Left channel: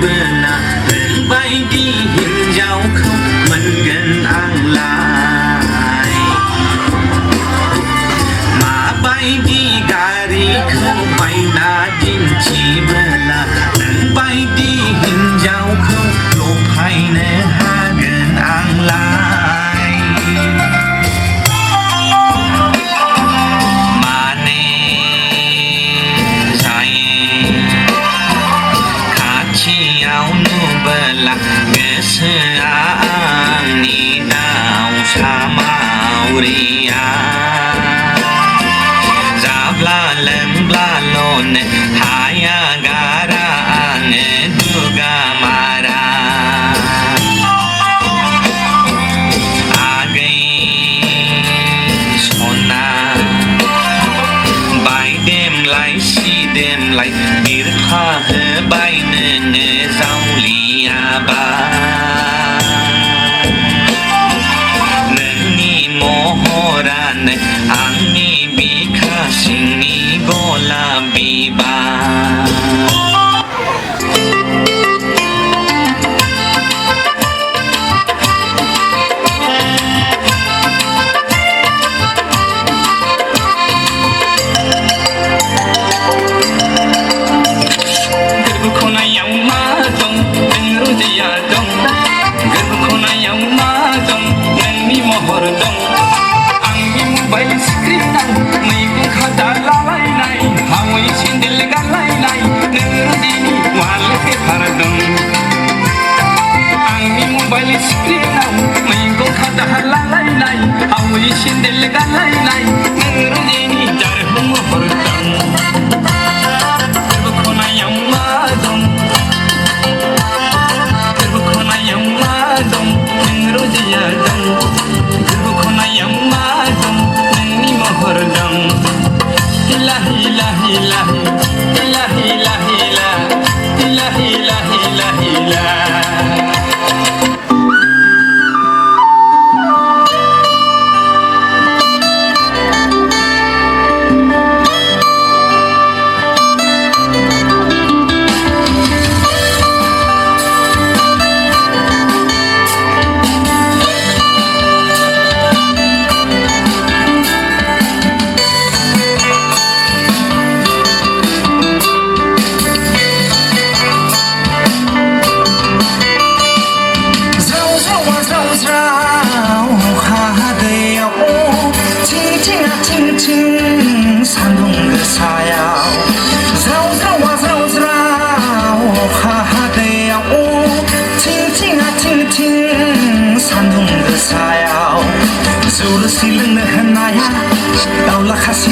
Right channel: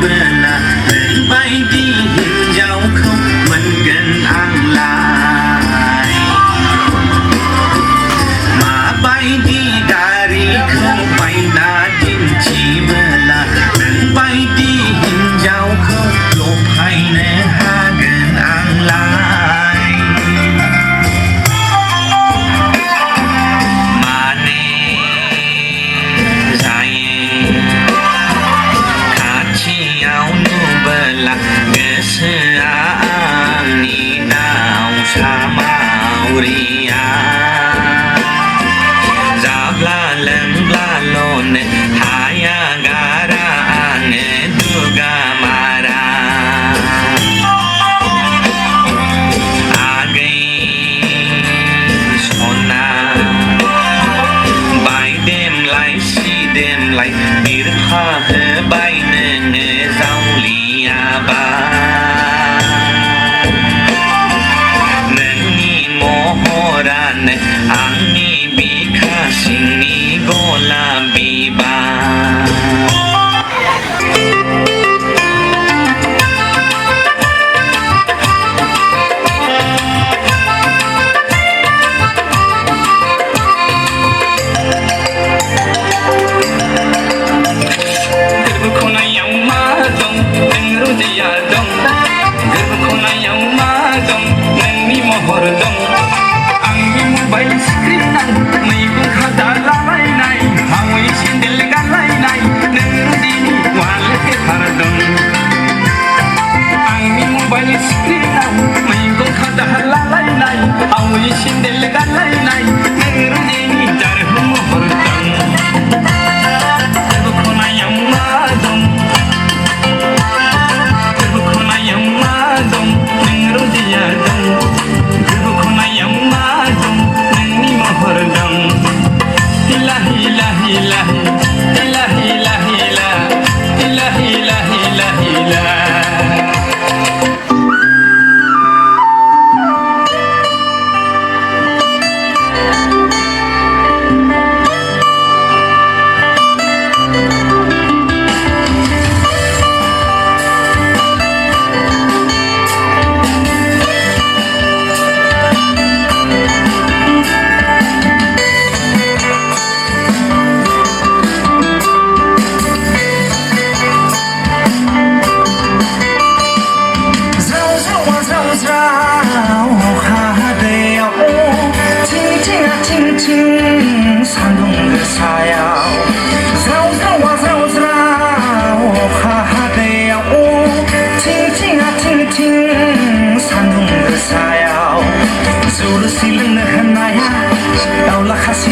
Benar terbaik di hijau kau mengenang lai Ma bai di dari kau bai na jin chi bela terbaik di hijau kau lopai ne hagen ang lai Mane saya belah keseang ni nau sama uria zabla leng blalon haya gara ange duga mara age sona bai đêm lại si đêm lại irha he bai ne rau lia ba neng ni mohora ne ang ni bika sing ni gola biba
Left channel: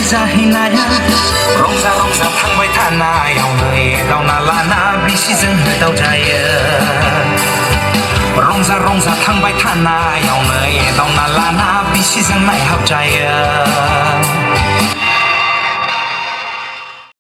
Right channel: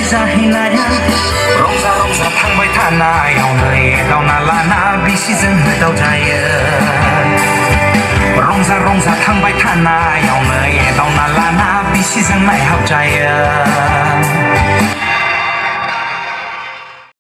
Hinaya rongsa rongsa thangbai thana yaw nơi gao na la na bi si dân hơi tàu trai rongsa rongsa thangbai thana yaw nơi gao na la na bi si dân lại học trai